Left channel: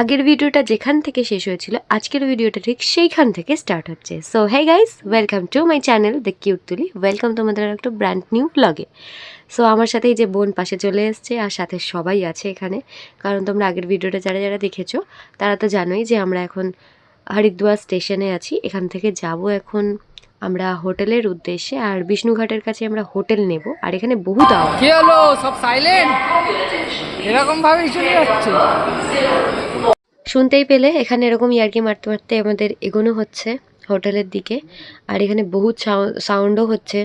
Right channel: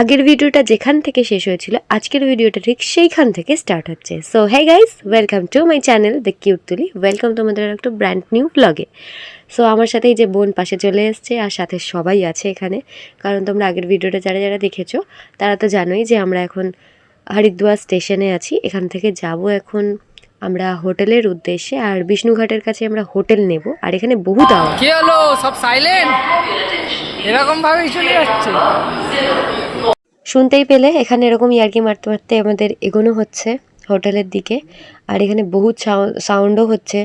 আগের ভিডিওটা যেখান থেকে শেষ হয়েছিল আজকের ভিডিওটা ঠিক সেইখান থেকে স্টার্ট হচ্ছে। So hey guys, welcome to my channel the cute Tuli. Welcome তোমাদের একটা ব্র্যান্ড নিউ ব্লগে। সো আমার সাথে এই যে বোন পাশে চলে এসছে আর সাথে সবাই আছে এখানে, কারণ তোমরা আগের ভিডিওটা যারা যারা দেখেছো তারা তো জানোই যে আমরা এখন হরিদ্বার স্টেশনে আছি। এখান থেকে যাব এখন আমরা হোটেলের উদ্দেশ্যে, আর বিষ্ণুঘাটের কাছে আমরা হোটেল নেব। আর এখানে বহু দাওয়া। কি হলো, সব সাইলেন্ট এরকম ভাবেই চলে যাচ্ছে। শুনতেই পেলে এখানে এরকম ইয়ার্কি মারতে মারতে আমাদের এগোনো হচ্ছে হোটেলের দিকে। আর এখানে বহুত সাউন্ডও হচ্ছে,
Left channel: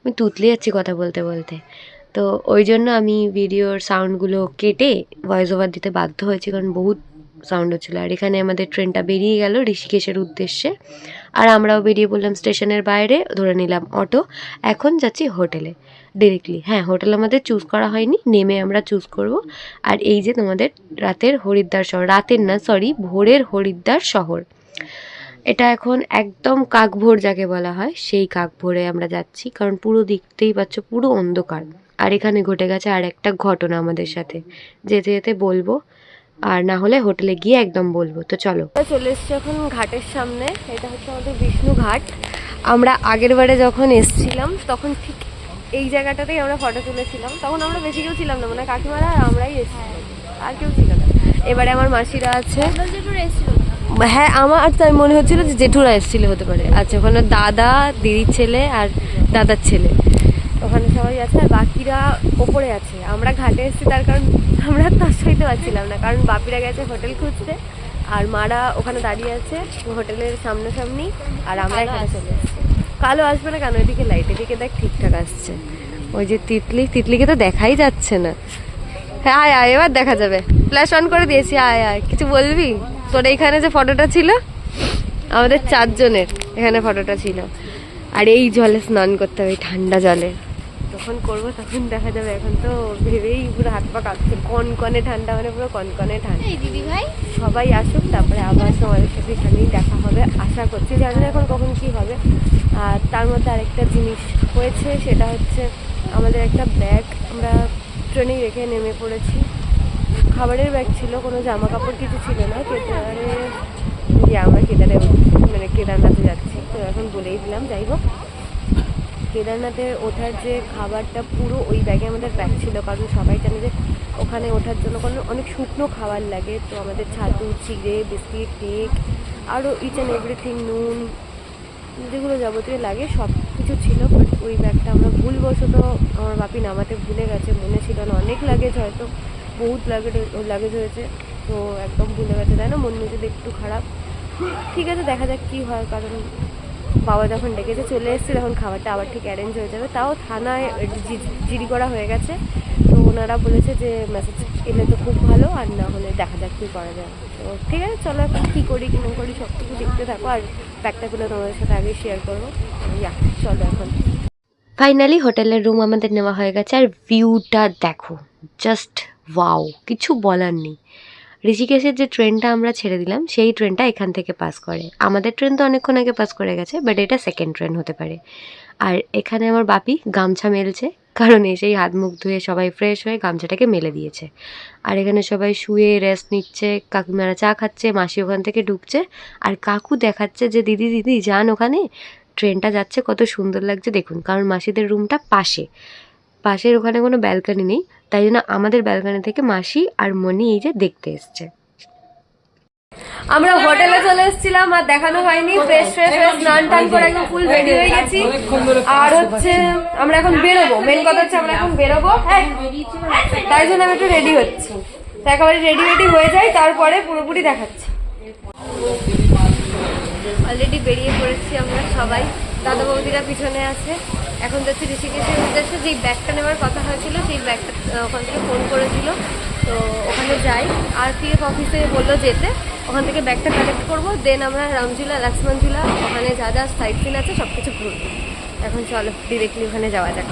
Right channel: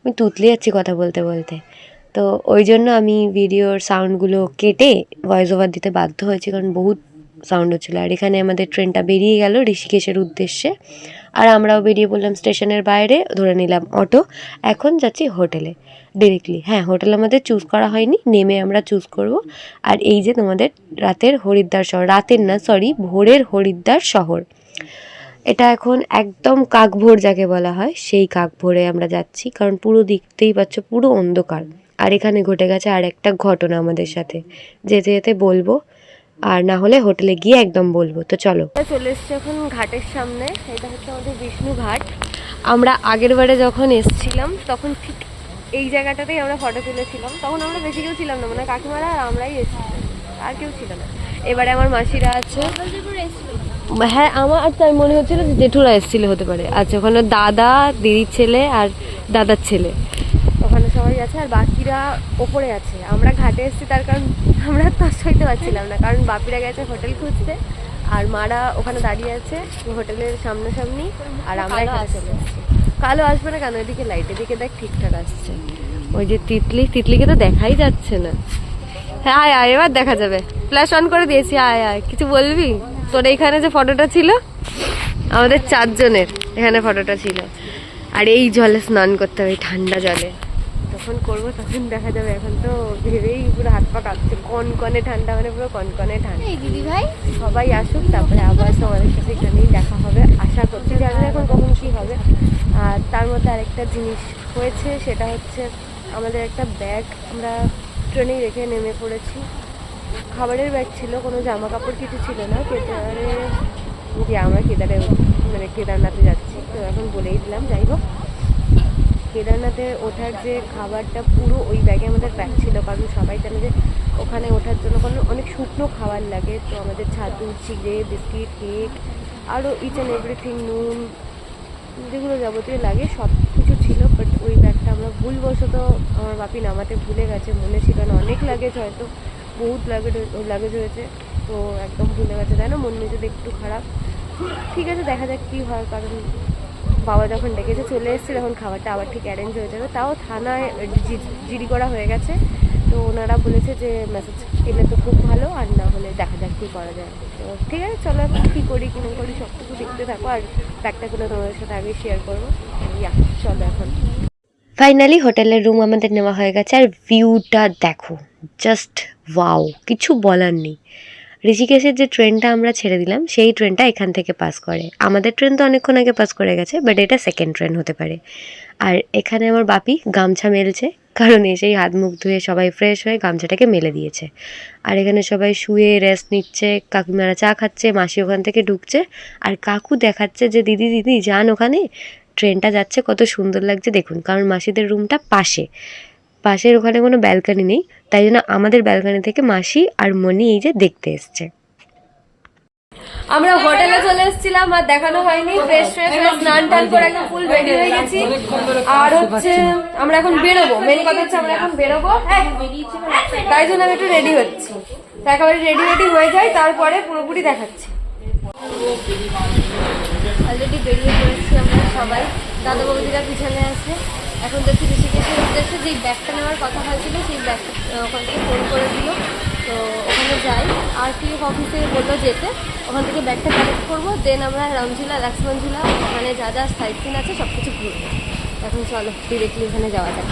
আমি তুতলে যাচ্ছি কথা বলতে বলতে। তো ওই জন্য আমি ভিডিওর সাউন্ডগুলো কেটে ভয়েস ওভার দিতে বাধ্য হয়েছি, কারণ বহুত সাউন্ড হচ্ছিলো। আর এখানে আমাদের ট্রেনটা বেরিয়ে গেল ঋষিকেশের উদ্দেশ্যে, আর আমরাও বেরিয়ে পড়লাম স্টেশনের বাইরে, ধরে নিলাম অটো। এখন যাচ্ছি হোটেলে ডিরেক্টলি। হ্যাঁ, হোটেল আমাদের চুজ করা হয়নি, নেমে আমরা চুজ করব। আর এই যে তোমাদের রাতের হরিদ্বার শহর, রাতের না সরি ভোরের হরিদ্বার শহর, এটা এখন একদম কাকভোর যাকে বলা হয় সেই কাকভোরে আমরা যাচ্ছি, কারণ পুরো দেখতেই পাচ্ছ পুরো অন্ধকার। আর এখানে ঘটে গেছে আর একটা ঘটনা আমাদের সাথে, যেতে যেতে বলবো, আর না হলে হোটেলে গিয়ে একদম বলবো। তো চলো, চলে এসছি এখন ঘাটের সামনে। এটা হচ্ছে আমাদের বিষ্ণু ঘাট। আমরা আগের বারে যখন এসছিলাম তখন ঠিক এই জায়গাটাতেই আমরা ফটো তুলেছিলাম। তখন আমরা বেশি কেউ ছিলাম না, মানে কাকিমারা আর আমরাই এসেছিলাম, আর কেউ ছিল না। এবারে আমার মাসিরা আছে। হ্যাঁ, আমার তাই মনে হচ্ছিল যে জেঠুরা এসেছিল হতে পারে। আচ্ছা, ওখানে দাদা, দিদির ছেলে আর দাদার ছেলে ওখানে সবাই আছে, আর বাকিরা ওপরে আছে। আমরা ঘাটে এসেছি তার কারণ আমরা তার সইতে পারছিলাম না, কারণ বাপিরা গেছে হোটেল খুঁজতে আর মারা ওখানে দাঁড়িয়ে আছে হোটেলের সামনাসামনি, আর আমরা এখানে চলে এসেছি। কালো আসবে না কেন? এদিকে লাইট, এদিকে দেখ ঠিকঠাক আসছে। ওই যে তিতলিকে তো দেখাই যাচ্ছে না। হ্যাঁ আয় আয়, এবার দেখা যাবে। ফ্ল্যাশ অন করে দিয়েছি, আয় আয়। কিছু বলবি? তোর এইখানে যে ফটোটা ছিল আমাদের 4 জনের, এখানে ফটোটা ছিল। আর এই জলে স্নান করতে হবে, ঠান্ডা জলে। তখন করবো, তখন দেখা যাবে। এখন তো ভেবেই পুরো হাত পা কাঁপছে। কনকনে ঠান্ডা, মানে পুরো কনকনে ঠান্ডা। দিদি ভাই সবাই আসুক, তারপরে আবার তোমাদের সাথে এখানেই দেখা হবে আশা করছি। জানি না এখন কখন কি হবে। আর তার মধ্যে আরেকটা জিনিস হয়েছে, সেটা হচ্ছে আমাদের একটা ব্যাগ আমরা ট্রেনেই রেখে নেমে পড়েছি। খাবারের ব্যাগ ছিল, কোনো জামা কাপড় কিছু ছিল না। কেদারে যে আমরা মানে কেদারনাথে যাচ্ছি, তো এখন বলেই দিলাম। যাই হোক, কেদারনাথে ওঠার যে খাবারটা পুরো ওই ব্যাগে আমাদের প্যাক ছিল, কারণ সবাই জানে যে ওখানে ওঠার জন্য অনেক শুকনো খাবার লাগে। তো আমাদের ছাতু, চিড়ে, বিস্কিট, কেক, আরও ইচ অ্যান্ড এভরিথিং, নুন, যেগুলো যাবতীয় লাগে সব কিছু ছিল। বাট ওই ব্যাগটা আমরা ভুলবশত আমার বাপি নামাতে ভুলে গেছে, মনে ছিল না। অনেক লাগেজ, হয়তো বহুত লাগেজ হয়েছে, তো একদম ভুলে গেছে। তাই না, মন মেজাজ একটু খারাপ। ঠিক আছে, দেখা যাক কী হয়, কারণ বাবা যখন ডেকেছে চলে এসেছে, তখন খাবারটা আবার ঠিক অ্যারেঞ্জ হয়ে যাবে। তাও থানায় জিডি করা হয়ে গেছে, তো ওনারা বলেছে যে মেসেজ এলে তো খুব ভালো, আর না হলে দেখা যাক কী করা যায়। তো ঠিক আছে, চলো এখন কী করি কী না করি সবটুকু দেখতে থাকো, আর ব্যাগটাগুলো তোমাদের সাথে আগে শেয়ার করবো। চলো এখন। ফাইনালি হোটেলের রুম আমাদের নেওয়া হয়ে গেছে, আর ভিউটা দেখো, জাস্ট ওয়াও, কিছু বলার নেই। ঋষিকেশের যে ট্রেনটা আমরা ছেড়ে দিলাম সেই ট্রেনটা এখান থেকে পাস করে। আমাদের ট্রেন তো অনেকক্ষণ আগে পাস করে গেছে, বাট এটা সেকেন্ড ট্রেন হতে পারে। আর এখানে আমার বাপি গামছা মেলছে, কারণ এসেই হাত মুখ ধুয়ে সবাই ফ্রেশ হয়ে গামছাটাকে মেলে দিয়েছে। আর এখানে সবাই শুয়ে রেস্ট নিচ্ছে, কাকিমারা চা খাচ্ছে, মাসি ওখান থেকে ঢুকছে, আর কাকু দেখাচ্ছে যে দিদি দিদি যান ওখানে, ট্রেনটা যাচ্ছে, কত সুন্দর লাগছে দেখুন। কারণ মাসিদের রুমটা পাশের ওখানে কোনো ব্যালকানি নেই, তাই জন্য আমাদের ব্যালকানি থেকে মাসি আর মনি এই যে দেখতে এসছে। আমরা হোটেলে চলে এসেছিলাম, আর দেখানো হয়নি। ফ্রেশ স্নান টান করে একদম ফুল রেডি হয়ে গেছি। আর হচ্ছে আমরা এখন বেরোবো, মেন কথা হচ্ছে আমরা এখন বেরোবো। তাই জন্য আমি একটু রেডি হচ্ছি, একেবারে রেডি হয়ে যাই, তারপরে পুরোপুরি দেখাচ্ছি। অলরেডি বেরিয়ে পড়েছি আমরা সবাই, দাদা বৌদিরা পিছনে আছে। এখন দেখছি ঋষিকেশের উদ্দেশ্যে যেই ব্যাগটা নেওয়ার কথা হয়েছিল, সেই ব্যাগটা ওখান থেকে ফোন করেছিল, তো ওখানে যাই। আরটিএফ অফিসে বললো যেতে, ওখান থেকে ব্যাগটা কালেক্ট করবো, দেন আমরা রামঝুলা, লক্ষ্মণঝুলা, ওখানে যা যা সাইট সিন আছে সব কিছু ঘুরবো। এখন চলো ডিরেক্টলি ওখানে যাওয়া যাক।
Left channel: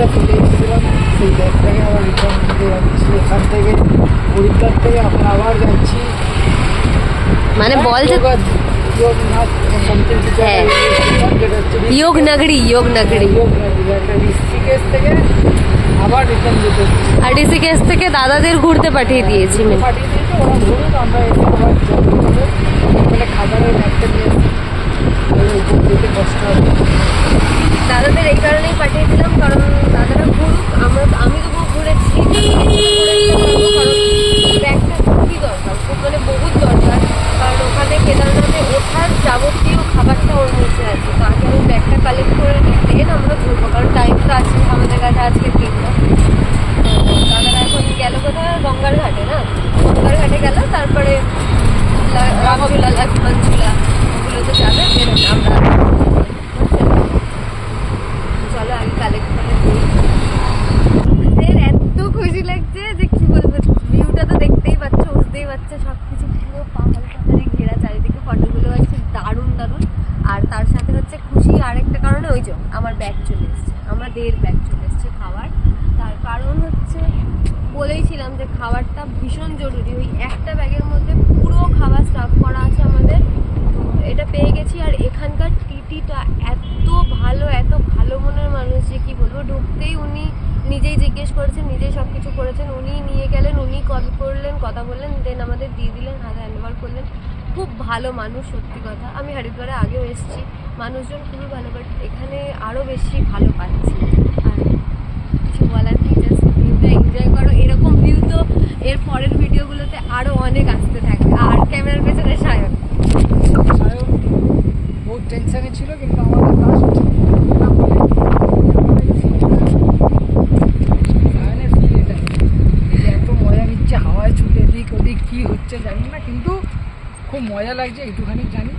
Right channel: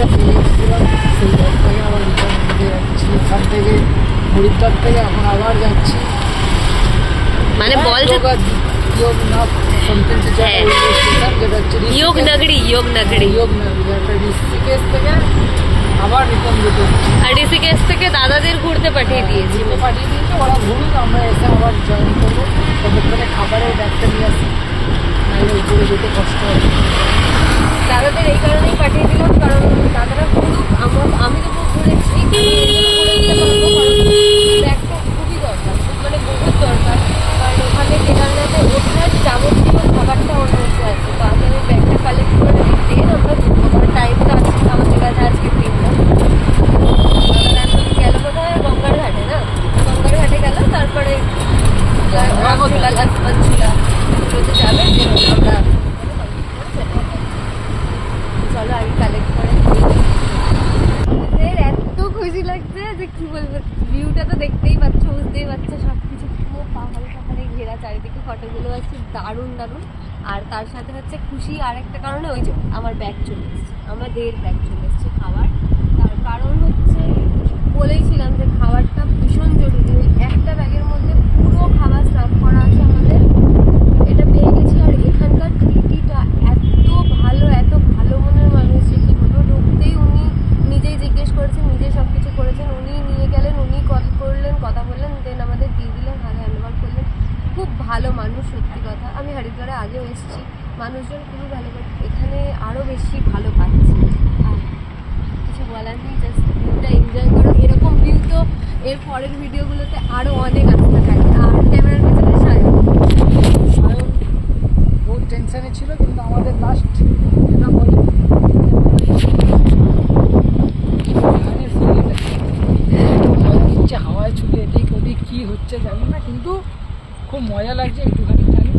ব্যাগটা ফেলে এসেছিলাম, সেই ব্যাগটাকে আবার রিটার্ন নিতে যাচ্ছি এখান থেকে, হরিদ্বার থেকে এখন আবার যাচ্ছি। মানে বল যে যোগ নগরী একটা ঋষিকেশ থেকে আবার রিটার্ন যেতে হচ্ছে। আর ঋষিকেশ থেকে দাদাদের ঘুরতে পাঠিয়ে দিয়েছি। পাঠিয়ে দিয়েছে, ওরা ঘুরুক, আমরা এসে আবার জার্নি করবো। ওখানে খাবারের ব্যাগটা নিয়ে আসি, তাহলে ওইখানে যেতে কষ্ট হবে। দাদাদের এই কারণেই পাঠিয়ে দিলাম, কারণ দাদারা ঘুরুক, আমি তো ঘুরেছি, ব্যাগটা খুবই দরকার, খুব মানে বহুত দরকার। কারণ ওখানে কেদারনাথে ওঠার যাবতীয় খাবারটা ওর মধ্যে আছে, তো আগে আমি ব্যাগটা কালেক্ট করে দেন আমরা ঘুরবো, কারণ টাইম তো আছে আমাদের কাছে আজকে দিনটা। দাদারা এখন গেল কোথায়, গঙ্গার ঘাটে না, গঙ্গার ঘাটে গেল, তারপরে রামঝুলা, লক্ষ্মণঝুলা এগুলোতে যাবে, আমরা চলো আগে কালেক্ট করে দিই। এত খুশি লাগছে যে কি বলবো, ভিউটা তো দেখতেই পাচ্ছ, বুঝতেই পারছো, সব কিছু পুরো পাহাড়ে পাহাড়ে ঘেরা, চারিদিকে ফটোগুলো আছে দারুণ দারুণ। আর তার সাথে হচ্ছে খুশি আরেকটা কারণে, ওই যে আমার ব্যাগ চলে এসছে, আমাদের ব্যাগ চলে এসছে খাবার। তার কারণ হচ্ছে বলেইছিলাম যে খাবারটা ভীষণ জরুরি, ওই একটা ব্যাগের মধ্যে পুরো খাবার সার্ভ করা আছে আমাদের, এটা পেয়ে গেছি। আর এখানকার টিটিটা এত ভালো মনের মানুষ যে কি বলবো, ঢুকতেই উনি নিজেই জিজ্ঞেস করেছেন, নিজেই সব কিছু করেছেন, উনি নিয়ে গেলেন, উনি কল করলেন, কথা বললেন, দেন আমাদের দিয়ে দিলেন, হাতে হ্যান্ডওভার করলেন। খুব ভালো মানুষ, সত্যি কথা। আমি হরিদ্বারে আগেও এসেছি, মানুষজন খুবই ভালো, বাট এখানে আরও বেশি ভালো পাচ্ছি। আর কিছু বলার নেই, জাস্ট ভিউটা এনজয় করো। এরকম ভিউ তো এর পরের ভিডিওগুলোতে আরও অনেক আসতে থাকে। আর ক্যামেরার পেছনে সায়ন বহুত টেনশনে ছিল, কিন্তু আমাদের লাস্ট একটু মজা নিচ্ছে, হাওয়ায় ছুটে এদিক ওদিক কী হচ্ছে জানি না, কিন্তু খুব মজা লাগছে, একটুখানি জানি।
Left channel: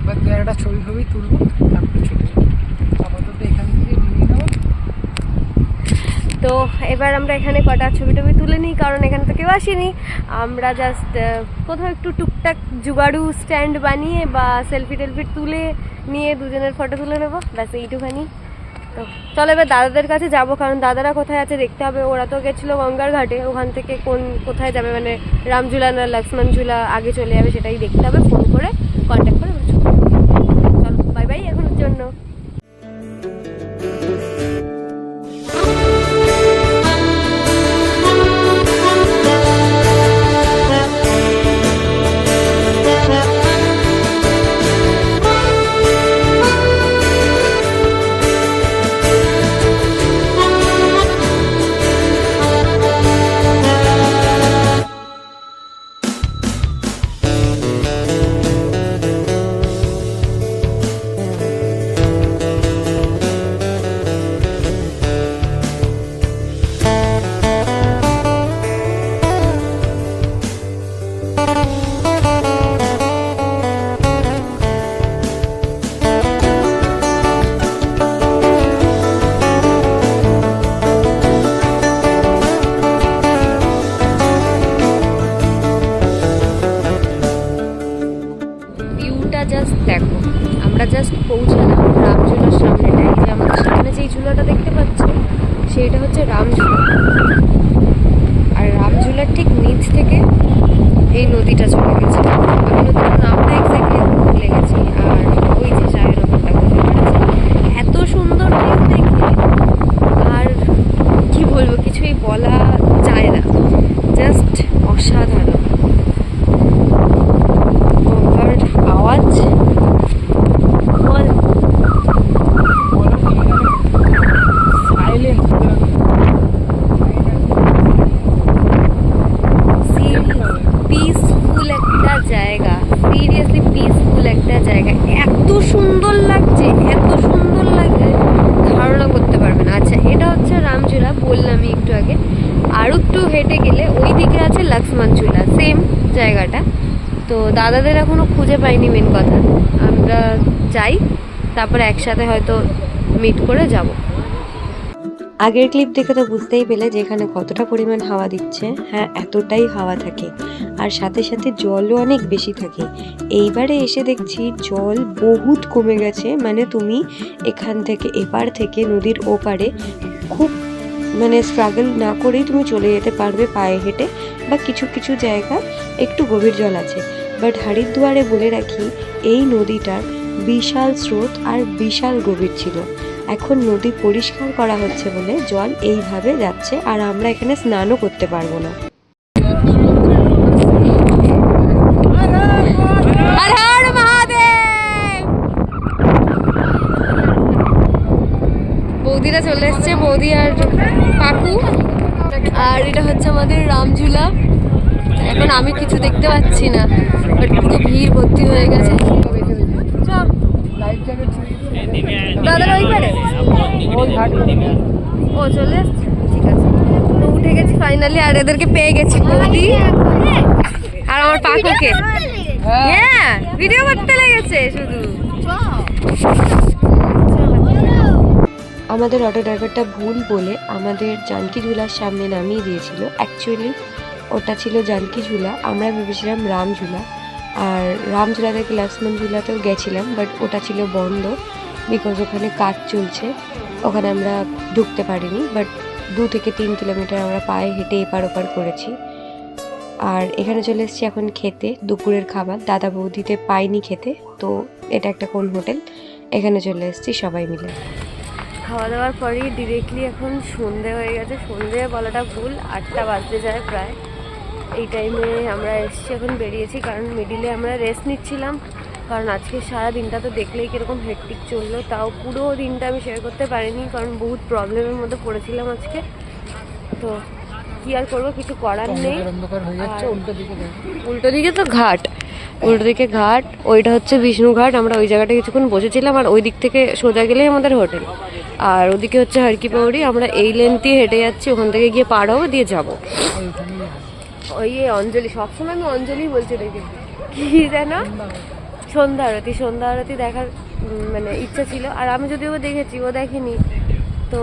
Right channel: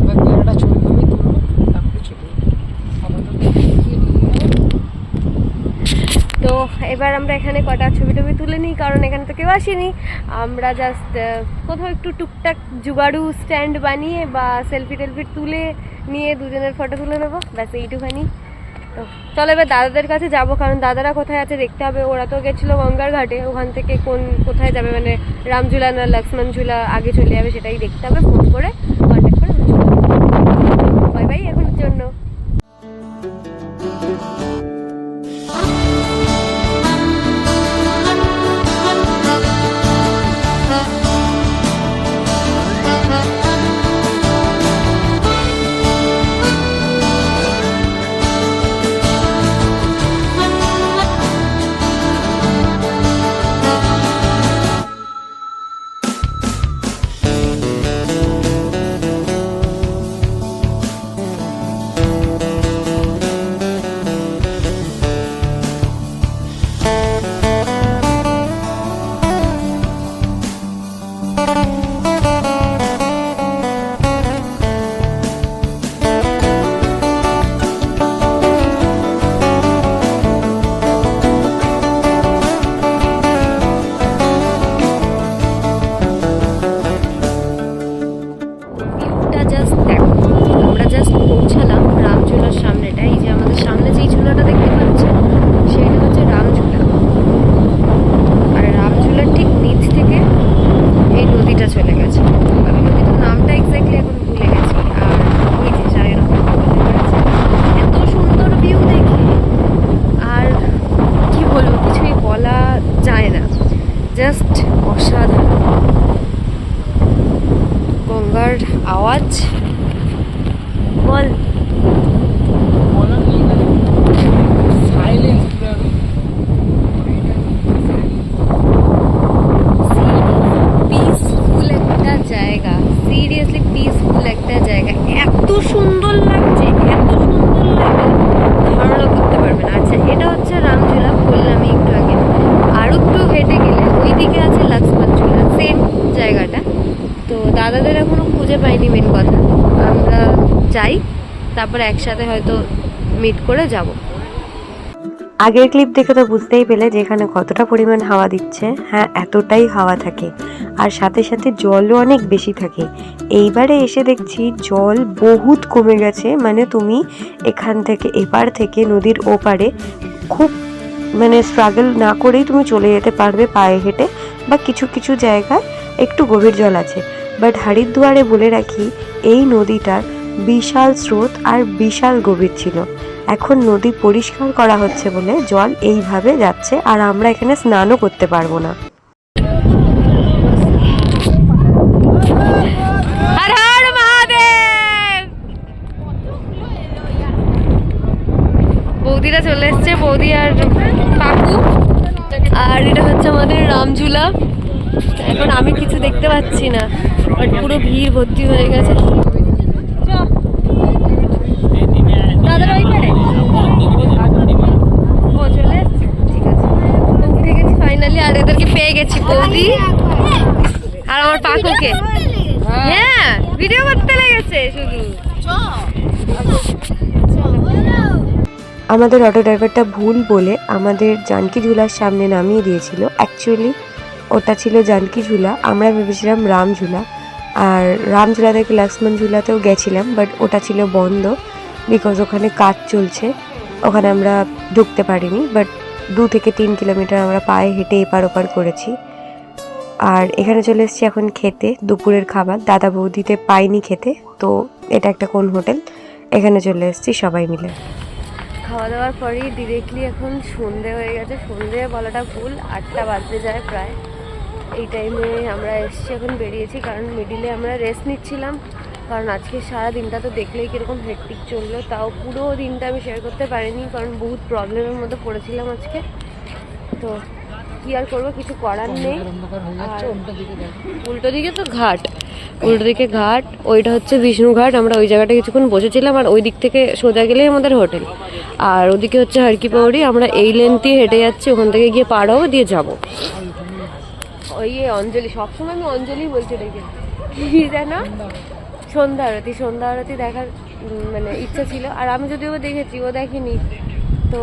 এবার একটা ছবি তুলবো, তারপরে ছুটে আপাতত এখান থেকে নিয়ে নেবো। তো এবার আমরা এখানে কটা ছবি টবি তুলে নিই, কারণ এখানে তো কেউ আসেনি। আমরা জাস্ট কোথাও একটু টুকটাক জুগাড়ু স্ট্যান্ড বানিয়ে বা সেলফি টেলফি তুলে নিয়ে দুজনের ফটো তুলে নেবো, ব্যাস এইটুখানি। তো চলো এবার দাদাদের কাছে যাব, কারণ দাদারা কোথায় আছে দেখতে হবে। ওরা তো গেছিলো গঙ্গার ঘাটে, ওখান থেকে কোথায় যাবে, মানে রামঝুলা না লক্ষ্মণঝুলা আগে চলে যাবে সেটাই দেখতে হবে, ফোন করে কন্ট্যাক্ট করে। বাই বাই এখনের জন্য। জাস্ট পৌঁছালাম রামঝুলার সামনেটা। এই যে আমাদের সামনে যেই ঝুলাটা দেখতে পাচ্ছ সেইটা হচ্ছে রামঝুলা, আর রামঝুলার ঠিক নিচ থেকে এই নদীটা চলে গেছে। আমি নদীটার নামটা এক্স্যাক্টলি ভুলে গেছি। আর ওই যে চায়ের ওপরটা বুঝতে পেরেছে, এত সুন্দর ভিউ দেখে আর কি বলবো, কিছুই বলা যায় না, জাস্ট অসাধারণ। গঙ্গার আওয়াজ বল, পিসফুল একটা জায়গা, সিরিয়াসলি পিসফুল একটা জায়গা। এত সুন্দর লাগছে, এত সুন্দর লাগে ধারণা করতে পারবে না। আচ্ছা, এটা হচ্ছে রামঝুলা, বললামই একটু আগে। আর একটু হেঁটে গেলে ওই দিকে আছে লক্ষ্মণঝুলা, সেম জায়গাটা। তো দাদাদের এখনো খুঁজে পাইনি, মেন কথা। আমরা যাই, তারপরে একসাথে হয়তো মিট করে যাব। আগের ক্লিপ দেখে তো বুঝতেই পেলে যে এখানে কতটা পরিমাণ হাওয়া দিচ্ছে। হ্যাঁ, এতটাই হাওয়া থাকে, আর সাথে সাথে জলও অনেক বেশি থাকে। এইবারে এসে দেখছি জল বহুত কমে গেছে, মানে তুমি এখান থেকে এপার থেকে নদীর ওপারে খুব মানে স্ট্রাগল না করেই তুমি চলে যেতে পারবে পায়ে হেঁটে, বা কিছু কিছু জায়গায় একটু গভীর জল আছে। বাট হরিদ্বারে বলে রাখি, এই নদীটার বিশাল স্রোত আর বিশাল গভীর ছিল। এখন নদী পরিষ্কার করা হচ্ছে বলে জল এইভাবে যাচ্ছে, আর আমরা এখানে স্নানও করতে পারবো না। হর হর মহাদেব। বৌদিরা চলে এসছে, বৌদি আর কাকু। আর এটা হচ্ছে আমাদের রামঝুলা। এখন আমি কিছু দেখতে পাচ্ছি না, বাট পুরো ভিড় ভর্তি হয়ে গেছে। দাদার ওই পারে ও চলে এসছে, ঠিক আছে। তো উঠে গেছি ফাইনালি, আর ওদেরকে পেয়ে গেছি, বৌদি আর আমার পাকুকে। হ্যাঁ, ভিডিও করতে লেগেছে শুধু। আমাদের অটো ড্রাইভারটা ভুল বলে আমাদের জানকী ঝুলার সামনে নামিয়ে দিয়েছিল। অ্যাকচুয়ালি ওটা ছিল জানকী ঝুলা, আমরা ভেবেছিলাম রামঝুলা। আর রামঝুলা থেকে লক্ষ্মণ ঝুলাতেও গেছিলাম, বাট ওটা ছিল বন্ধ, বিকজ ওখানে কাজ চলছে, ওখানে আমরা ঢুকতে পারিনি। বাট 2 থেকে 3 কিলোমিটার আমরা পায়ে হেঁটে এপার ওপার করেছি। আর এখানে চলে এসেছি এখন খেতে, দুপুরের খাবার। দাদা বৌদিতে পাইনি খেতে, তো এটা একটা কোন হোটেল, এখানে চলে এসেছি সবাই মিলে। খাওয়া দাওয়ার পরেই ডিরেক্টলি এখন সন্ধে হয়ে গেছে। সন্ধে বলাটা ভুল, 8টা বাজতে যায় প্রায়। এই টাইমে আমরা এসেছি, এখন বেরিয়েছি, কারণ মিডিলে আমরা রেস্ট নিচ্ছিলাম। কারণ আজকে সারা দিনটা তো দেখলেই কীরকম হেক্টিক চললো, তাও পুরো দিনটা আমি শেয়ার করতে পারিনি, কারণ বহুত প্রবলেমের মধ্যে পড়েছিলাম আজকে। তো কি আর করবো, কিছু করার নেই। আর উল্টো দিকে তো ঘাট, উল্টো দিকে ঘাট, ওইটা হচ্ছে বিষ্ণু ঘাট। আমরা ওই জায়গাটা কিছুক্ষণ বসেছিলাম, আর ওই দিক থেকে সোজা গেলেই আমাদের হোটেল। আর ওদিকে হচ্ছে হারকি পাউড়ি। আমরা এই লেন দিয়ে হেঁটে যাচ্ছি, ওখান থেকে গিয়ে পার হবো, দিয়ে যাবো ওই অঞ্জলি। সবসময় আমি অঞ্জলি বলছি ওটাকে, কি যেন সন্ধ্যা আরতি। সন্ধ্যা আরতি দেখার মানে ইচ্ছা ছিল, আর আমি যদিও দেখেছি, ও দেখেনি, তো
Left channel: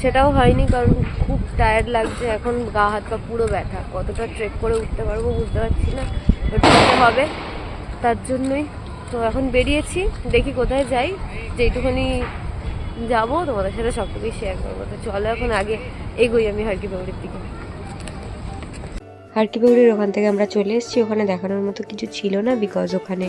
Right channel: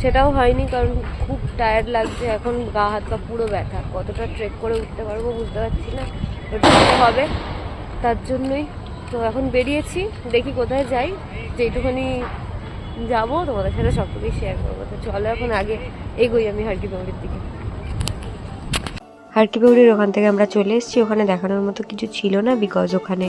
সেটাও হয়নি, কারণ খুব টায়ার্ড লাগছে এখন, গা হাত পা পুরো ব্যথা। কতটা ট্রেক করে উঠতে পারবো বুঝতে পারছি না, বাট উঠতে হবে, তার জন্যই তো এখন বেরিয়েছি। দেখি কোথায় যাই, যেইটুখানি যাবো তোমাদের সাথে সবটুকুই শেয়ার করবো। তো চলো এখন আগে এগোই আমি হারকি পাউড়ির দিকে। হারকি পাউড়ির ওখান থেকে আমরা চলে এসেছি। ওখানে দেখানোর মতো কিছু ছিল না, বিকজ ওখানে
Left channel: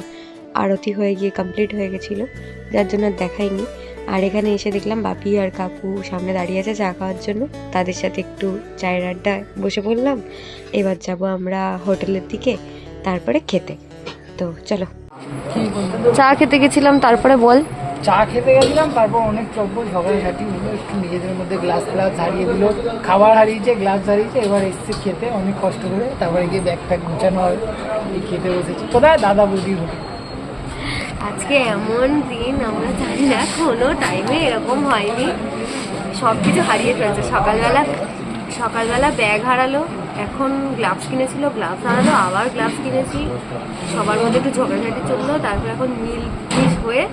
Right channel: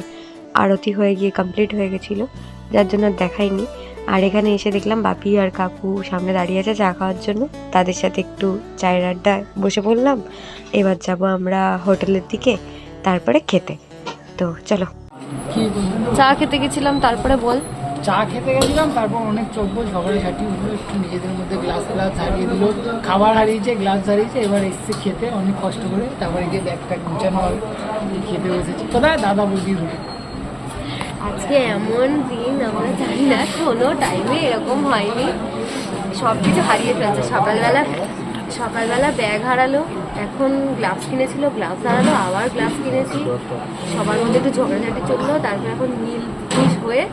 আরতি হয়ে গিয়ে কমপ্লিট হয়ে গেছিলো, যার জন্য দেখাইনি। আর এখানে এসে দেখলাম বাপি আর কাকু সামনে দাঁড়িয়ে আছে চা খাওয়ার জন্য, তাদের সাথে একটু চায়ের আড্ডায় বসে পড়লাম। এবার যাব আমরা হোটেলের দিকে, তারপরে খেতে। তো চলো। চা খেতে গেছিলাম, তারপরে বল। চা খেতে গেছিলাম, তারপর অনেক চব্বল ঝগড়াঝাটি হলো, একটু নিজেদের মধ্যে গ্লাস ফ্লাস হারিয়ে দিল, খাবার হারিয়েছে, গ্লাস হারিয়েছে। এবার এসছে খেতে অনেক কষ্ট করে, তারপরে গিয়ে ব্যাগটা গুছানো হবে, খেতে বসেছি। কোথায়? দাদা বৌদির হোটেল। আজকে এমন দিন আমরা জানি না, কোনো টাইমে এরকম হয়নি, সব কিছু হারিয়ে ফেলছে। সকালবেলা ব্যাগ হারালো, এখন গ্লাভস কিনেছিল, গ্লাভস হারালো, আবার গ্লাভস কিনেছি, সবার মধ্যে একটু ঝগড়াঝাটি চললো, তারপর এখন মিল হয়ে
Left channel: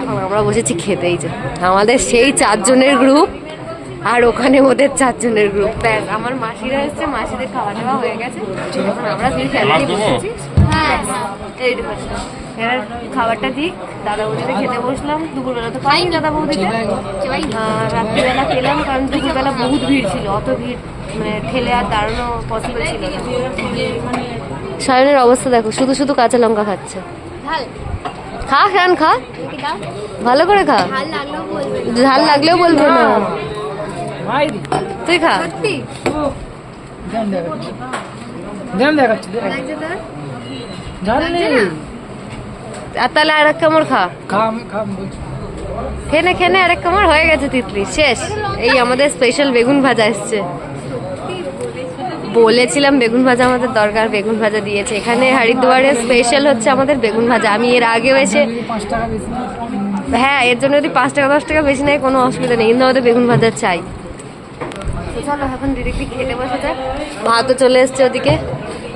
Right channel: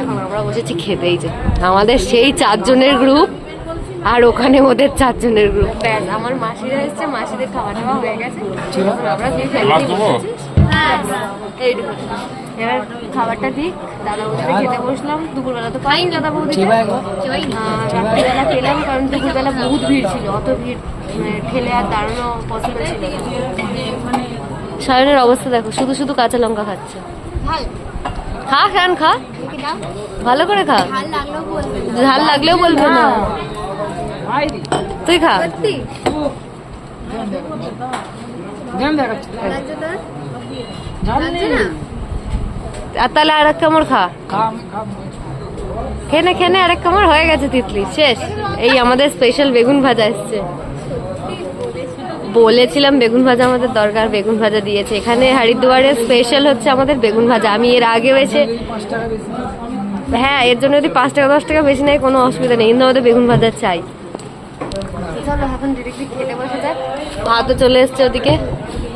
এখন আমরা বসেছি খেতেই। যে আমাদের সেই 4 জনের গ্রুপ, আর ওখানে ওদের 4 জনের গ্রুপ। ব্যাস, আমার মাসিরা এসছে, মাসিদের খাওয়া দাওয়া হয়ে গেছে, এখন আমরা 2 ফ্যামিলি বসেছি। এইটুকু, এবার খাবারটা দিক, দাদা বৌদিতে খেতে বসলাম। দুপুরবেলা তো পাই দাদা বৌদিতে, রাত্রিবেলা পেলাম, কারণ দুপুরবেলা বহুত ভিড় ছিল, অত ভিড় ঠেলে আর দাঁড়ানো পসিবল ছিল না। সায়নের অবস্থা দেখো, শুধু শুধু কাঁচা লঙ্কা খাচ্ছে। খা খান, খা ভালো করে খা, ঝাল লাগলেও বলবো না, তুই খা। আর তাহলে আর এক কামড় খা, খেনে আর এক কামড় হয়ে গেছে, তিতলি শেষ। এই আমাদের স্পেশাল বেগুন ভাজা এসছে, বলেছিলাম বেগুন ভাজা আমাদের দরকার, বেগুন ভাজা দিয়েছে। এখানে হরিদ্বারের স্পেশাল হচ্ছে আমাদের বেগুন ভাজা। আমি এর আগেও এসে, হ্যাঁ, এর জন্য যদি 5 টাকা 10 টাকা বেশি নেয় কোনো অসুবিধা নেই, কিন্তু আমাদের বেগুন ভাজা চাই। চলো এখন ডিরেক্টলি খেতে বসে যায়। ভাতও চলে এসছে ওদিকে,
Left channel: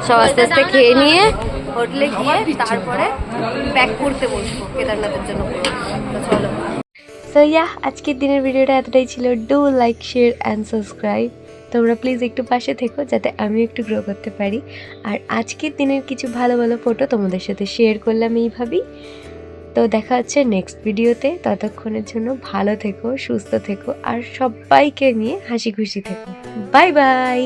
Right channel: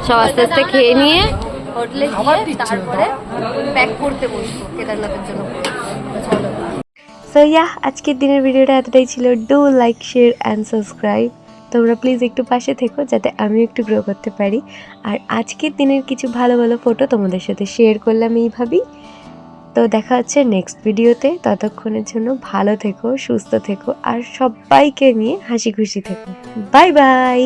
সব আস্তে আস্তে খেয়ে নিয়ে হোটেলে গিয়ে তারপরে প্যাক করতে বসবো কেদারনাথের জন্য। চলো। সো আজকের দিনের ভিডিওটা এতটাই ছিল। Do like, share and subscribe. তোমরা প্লিজ একটু পাশে থেকো, যাতে আমি একটু গ্রো করতে পারি। আর আজকের দিনের কিছু ভালো ভালো ফটো তোমাদের সাথে শেয়ার করলাম এইভাবেই। তো দেখা হচ্ছে নেক্সট ভিডিওতে। ততক্ষণের জন্য ভালো থেকো, সুস্থ থেকো আর সবাইকে নিয়ে হাসি খুশি থেকো। Bye bye.